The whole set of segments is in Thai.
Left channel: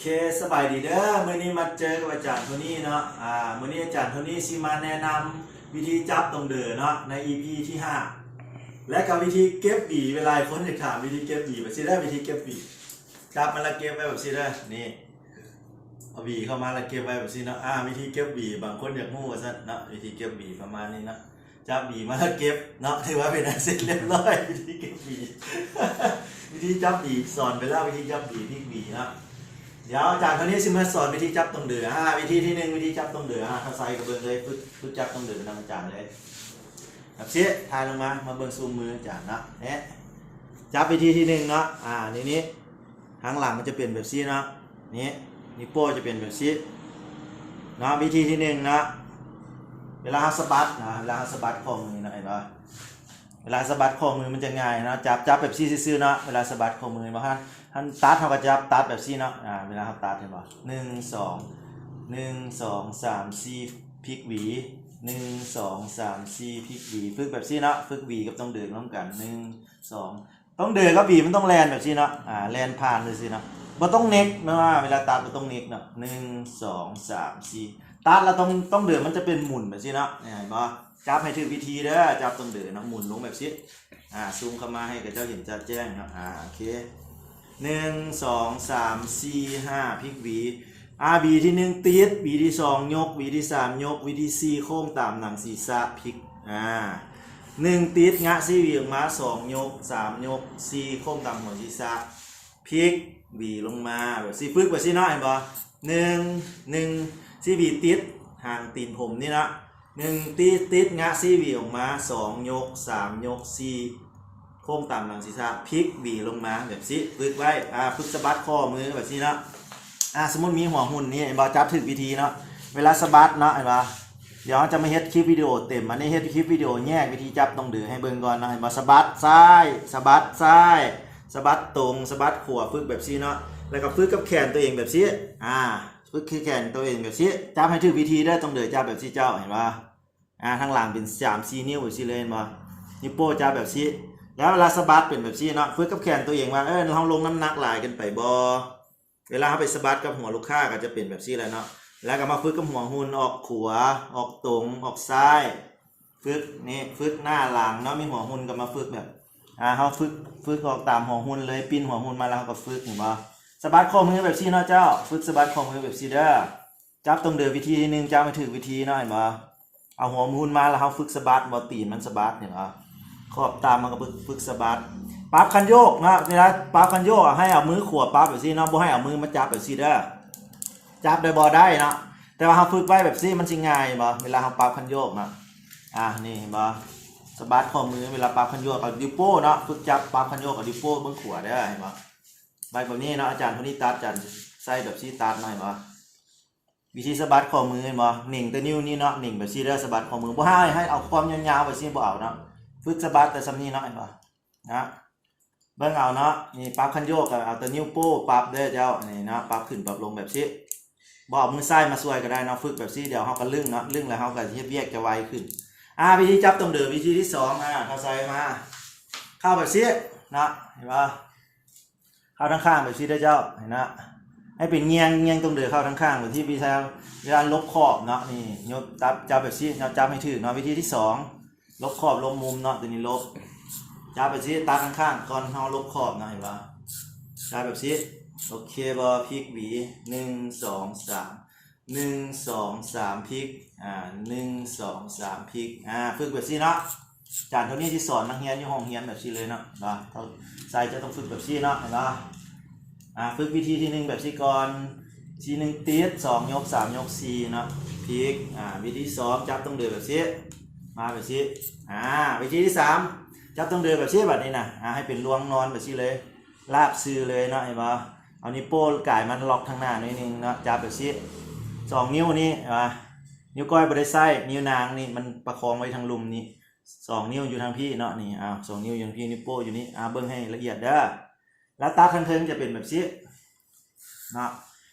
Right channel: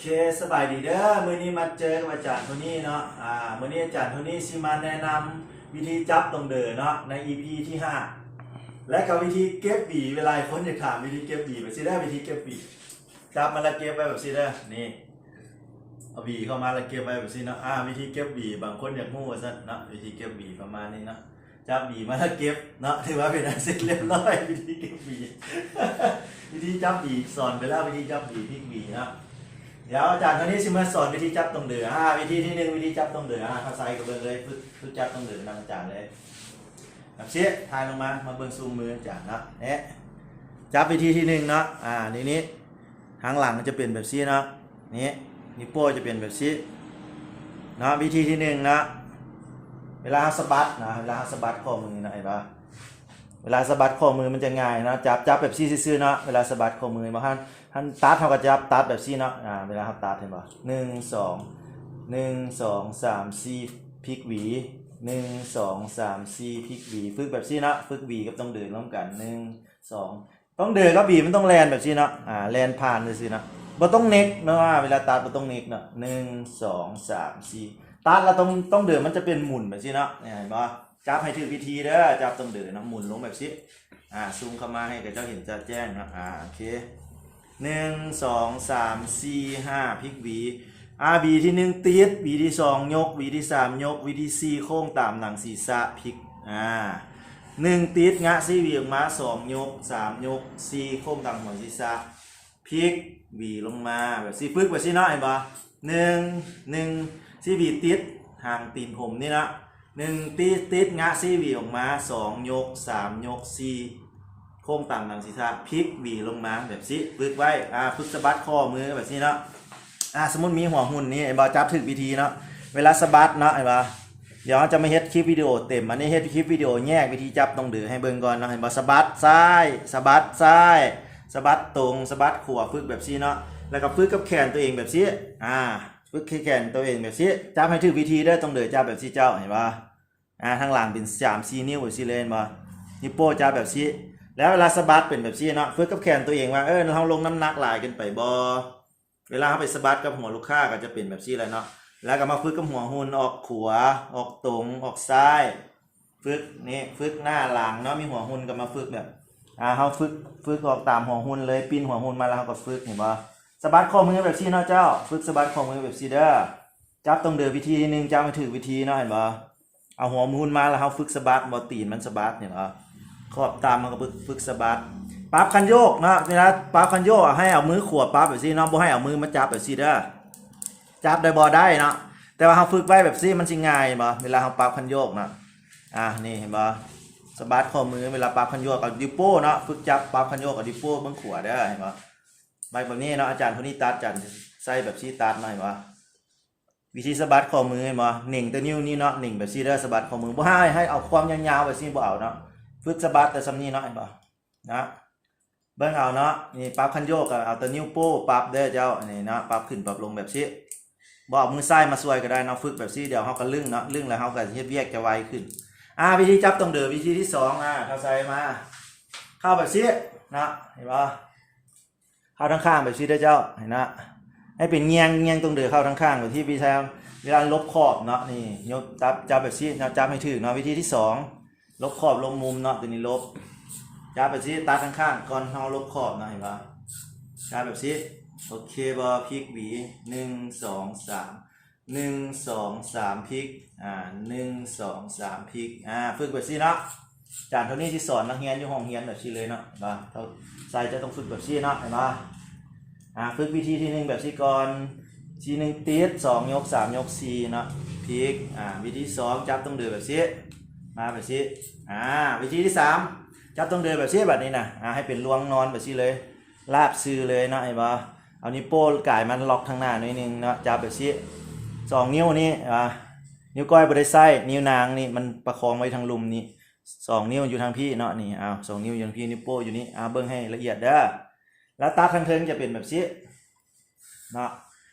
เคสบายดีเด้อมื้อนี้มาเจอกับอาจารย์โทนี่เนาะอ่ามื้อนี้อาจารย์โทนี่สิมาแนะนำวิธีจับตรงเดือเนาะใน EP ที่ 5 และกับวิธีเก็บบีเวลาคนจะถามวิธีเก็บบีแบบสิได้อวิธีเก็บบีจับมันและเก็บไว้แบบสิเด้อนี่เอาบีเข้ามาแล้วเก็บไว้แบบสิเนาะอ่าวิธีเก็บบีบางคนอยากงูว่าซั่นเนาะวิธีเก็บบีประมาณนี้เนาะจับบีมาแล้วเก็บเนาะถือว่าเป็นอันเสร็จเรียบร้อยวิธีเก็บบี วิธีจับบีสอนไปแล้ววิธีจับบีพลิกบีเนาะ เดี๋ยวอาจารย์คนนี้สิมาสอนวิธีจับตรงเดืออ่าวิธีที่หนึ่งวิธีจับตรงเดืออ่าถ้าใส่กระเบื้องเลยฝึกฝึกจับตรงเดือนำอาจารย์เลยแบบเชี่ยทายลงมามาเบิ้งซูมมืออาจารย์เนาะเอ๊ะจับวิธีที่หนึ่งเนาะอ่านี่นี้ทางหลังมันจะเปลี่ยนแบบซีเนาะนี่นิ้วโป้จะเปลี่ยนแบบซีเนาะวิธีที่หนึ่งเนาะเวลาสะบัดเนาะเวลาสะบัดข้อมือเนาะเนปะ เวลาสะบัดข้อมือมันจะง่ายเนาะจับจับแบบซี่ซื่อเนาะเวลาสะบัดข้อมือมาฮันท่านตัดเขาก็จะตัดแบบซี่เนาะอ่าเวลาเขาตัดเห็นป่ะหนึ่งสองหนึ่งสองสามสี่พลิกหวีหนึ่งสองสามสี่พลิกหวีฝึกแบบซี่เนาะฝึกหวีกับต้องเดินร่วมกันหนึ่งสองต้องเดินก็บีมันต้องแลนแบบซี่เนาะอ่าแลนผ่านเลยสิเนาะบ่ต้องเน็กไม่ว่าเวลาตัดบ่ต้องเน็กเนาะหนึ่งสองสามสี่ตัดแล้วต้องต้องเดินมันจะเป็นหมุนแบบซี่เนาะเห็นป่ะ จับให้ถึงวิธีเด้อจับต้องเดินนาะหมุนลงแบบซี่อ่าซูมเข้ามาให้กับเจ้าเห็นจะแจ้งนะอ่าโอเคหนึ่งสองสามสี่ห้าพลิกหวีอาบีที่หนึ่งตีดบีที่สองยกบีที่สามยกบีที่สี่โค้งตามหลังศีรษะพลิกอ่าหนึ่งตีดงะสี่เหวียงม้าสองยกสามยกสี่โค้งตามหลังศีรษะพลิกหวีลงมาแบบสี่พึกแบบสี่น้อยบ่หนึ่งหนึ่งสี่หวีติดห่างตีนผมนี่นะ หนึ่งตีติดงะสี่หวีออกมาสองยกสามยกสี่โค้งต่ำหลังศีรษะพลิกหวีลงมาแบบนี้ฝึกไว้อ่าฝึกสะบัดข้อมือแบบนี้เนาะอ่าสมมติมีหัวหุ่นนี่ไอ้บอจับถึงวิธีเนาะเวลาสะบัดเนาะไอ้บอเดี๋ยวจะไม่เฮ็ดคลิปวิดีโอเต็มอันนี้เฮ็ดคลิปวิดีโอแยกวิธีจับต้องดือให้เบิ่งก่อนนะไอ้บอสะบัดซ้ายสะบัดซ้ายสะบัดตรงสะบัดขวาฝึกแบบนี้เนาะแล้วก็ฝึกกับแขนตัวเองแบบนี้อ่าฝึกแขนตัวเองแบบนี้จับให้ถึงวิธีได้ต้องเดือจับแบบนี้เจ้าเห็นปะ อ่าทางหลังเป็นสามสี่นิ้วสิเลนบ่นิ้วโป้จับแบบนี้แล้วเวลาสะบัดเป็นแบบนี้เนาะฝึกกับแขนตัวเองว่าเออเราลงน้ำหนักหลายกันไปบอเวลาเขาไปสะบัดกับหัวลูกค้าก็จะเป็นแบบนี้แหละเนาะแล้วก็มาฝึกกับหัวหุ่นออกขวาออกตรงออกซ้ายฝึกนี่ฝึกหน้าหลังเนาะมีหัวหุ่นก็มาฝึกแบบอ่าเขาฝึกฝึกออกตามหัวหุ่นเลยปีนหัวหุ่นมาแล้วเขาก็ฝึกเห็นปะสะบัดข้อมือแบบนี้เนาะเจ้า ฝึกสะบัดข้อมือแบบนี้เด้อจับตรงเดินวิธีหนึงจับมาถือวิธีเนาะเห็นปะ เอาหัวหุ่นมาแล้วเขาฝึกสะบัดบอตีนมันสะบัดเห็นปะขอบตามมันก็ฝึกฝึกสะบัดปั๊บคันโยกนะเวลาปั๊บคันโยกให้เอามือขวบปั๊บแบบซี่เนาะบ่ให้เอามือมาจับแบบซี่เด้อจับได้บ่ได้เนาะแต่ว่าเฮาฝึกไว้แบบซี่มันสิง่ายบ่เวลาเฮาปั๊บคันโยกนะอะนี่เห็นบ่สะบัดข้อมือเวลาปั๊บคันโยกเอาดิโป้เนาะฝึกจับปั๊บคันโยกกับดิโป้เบิ่งขวาเด้อเห็นบ่ใบแบบนี้เนาะอาจารย์คนนี้ตัดกันใส่แบบซี่ตัดมาเห็นบ่ วิธีสะบัดข้อมือเห็นบ่หนิ่งแต่นิ้วนี่เนาะหนิ่งแบบซีเด้อสะบัดข้อมือบ่ให้ให้เอาความยาวๆแบบซีบ่เอาเนาะฝึกสะบัดแต่สำนีเนาะเห็นป่นะเบิ่งเอาเนาะนี่ปรับคันโยกเอาแต่นิ้วโป้ปรับเด้อเจ้านี่เนาะปรับขึ้นปรับลงแบบนี้บ่เอามือซ้ายมาช่วยก็ได้เนาะฝึกแบบนี้เดี๋ยวเฮาก็ลึงเนาะลึงแล้วเฮาก็เฮ็ดเวียกจะไวขึ้นอ่าวิธีจับตรงเดือวิธีที่สองอ่าเข้าใส่มาเข้าแบบนี้นาะเห็นป่ะเข้าทางข้างแบบนี้เด้อเจ้าเห็นนะ ให้เป็นเงียงเงียงตรงเดือเข้าทางข้างแบบที่พี่แทนเวลาลบขอบเนาะนี่ยกจับจับแบบนี้เนะจับให้ถึงเนาะวิธีที่สองลบขอบลบมุมเนาะตัวนี้ลบจับแบบนี้ตาข้างๆก่อนเราลบขอบนะเห็นปะจับแบบนี้โอเคบอพลิกหวีหนึ่งสองสามหนึ่งสองสามพลิกอ่าหนึ่งสองสามพลิกอ่าฝึกแบบนี้เนาะจานเท่านี้ที่สอนมาเฮียนอยู่ห้องเฮียนแบบนี้เลยเนาะเห็นปะเขาใส่จะต้องฝึกแบบนี้เนาะเห็นปะ อ่าฝึกวิธีที่หนึ่งแบบนี้ก่อนทีหนึ่งตีดสองยกสามยกสี่เนาะพลิกอ่าวิธีสองจับตรงเดือแบบนี้มาแบบนี้อ่าวิธีที่สามจับต้องเดินแบบนี้แบบนี้นะอ่าให้เป็นลวงนอนแบบนี้เลยลากซื้อเลยเนาะเห็นปะเอานิ้วโป้ก่ายมันล็อกข้างหน้านิดนึงเนาะจับแบบนี้สองนิ้วนี่อ่านิ้วก้อยบริไซนิ้วนางนี่มันประคองไว้ทางลุมนี่สองนิ้วอยู่ทางพี่เนาะนี่อ้าวสองนิ้วอยู่ทางพี่นิ้วโป้อยู่นี่อ่าเบิ้งให้ละเอียดเด้อ แล้วตาทางเทิงจะเป็นแบบนี้เนาะ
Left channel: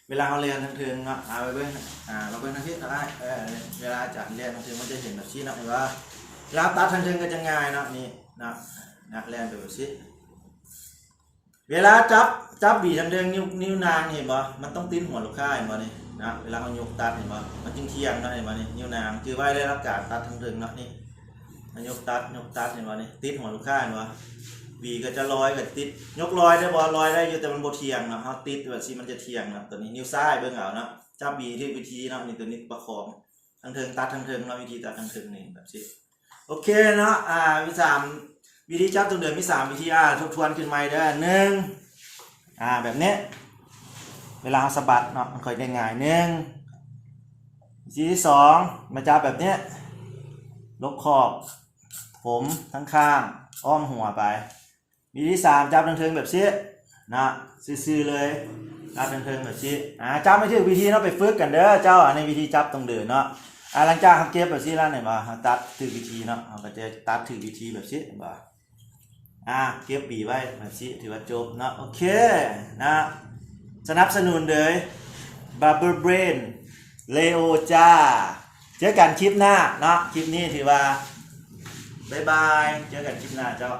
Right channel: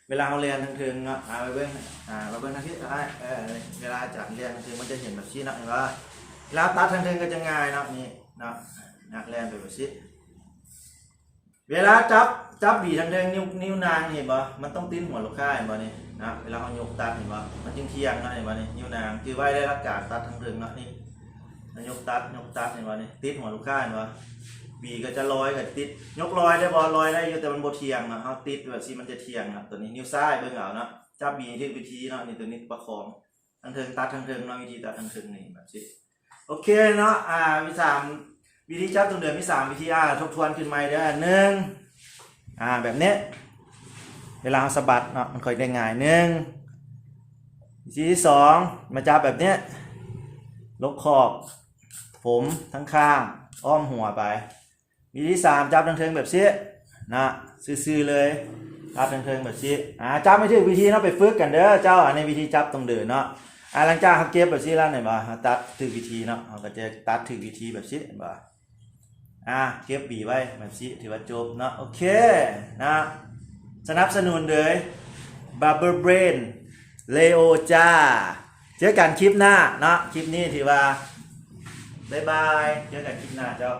เวลาเขาเรียนทางเทิงเนาะอ่าไปเบิ้งอ่าไปเบิ้งทางที่ก็ได้เออเวลาอาจารย์เรียนทางเทิงมันจะเห็นแบบนี้นะเห็นปะเวลาตัดทางเทิงก็จะง่ายเนาะนี่เนาะนะเรียนไปแบบนี้เวลาจับจับบีทางเดิงนิ้วนิ้วนางเห็นบ่มันต้องติ้นหัวลูกค้าเห็นบ่นี่นะเวลาเขายกตัดเห็นบ่มันจึงเทียงเนาะเห็นบ่นี่นิ้วนางคือไว้ได้รับการตัดทางเดิงเนาะนี่ยกตัดยกตัดเห็นบ่นี่ติดหัวลูกค้าเห็นบ่ บีก็จะลอยกับติด ยกลอยได้บ่ลลอยได้อยู่แต่มันโบเทียงเนาะเฮาติดแบบสิมันจะเทียงนะตัวนี้นิ้วซ้ายเบิ่งเอาเนาะจับบีที่วิธีเนาะนี่ตัวนี้ประคองทางเทิงตัดทางเทิงเนาะวิธีตัดทางเทิงนี่แบบสิโอเคเนาะอ่าวิสามวิธีจับตรงเดือนมีสามวิธีอ่าทบทวนขึ้นใหม่เด้อหนึ่งอ่าแบบนี้เวลาเราสะบัดเนาะมันค่อยได้ง่ายหนึ่งวิธีที่สองมาจับแบบนี้ลบขอบ ผมทั้งข้างอ้อมหัวไป วิธีที่สามจับทางเทิงแบบนี้นะซื่อๆเลยจับทางเทิงแบบนี้อ่าจับไม่ถึงวิธีเนาะไปฝึกกันเด้อเจ้าอันวิธีจับตรงเดือนเนาะอ่าหลังจากเขาเก็บแบบนี้แล้วหน่อยบ่ตัดถือวิธีเนาะเขาก็จะตัดถือวิธีแบบนี้บ่อะเก็บบีไว้แบบนี้ถือว่าจบเนอะโอเคนะสนับสนุนเลย Bubble Brain Leo จ้าเจอกันคลิปหน้าเนาะคลิปนี้ถือว่าบ๊ายบาย เจอกันคลิปหน้าเจ้า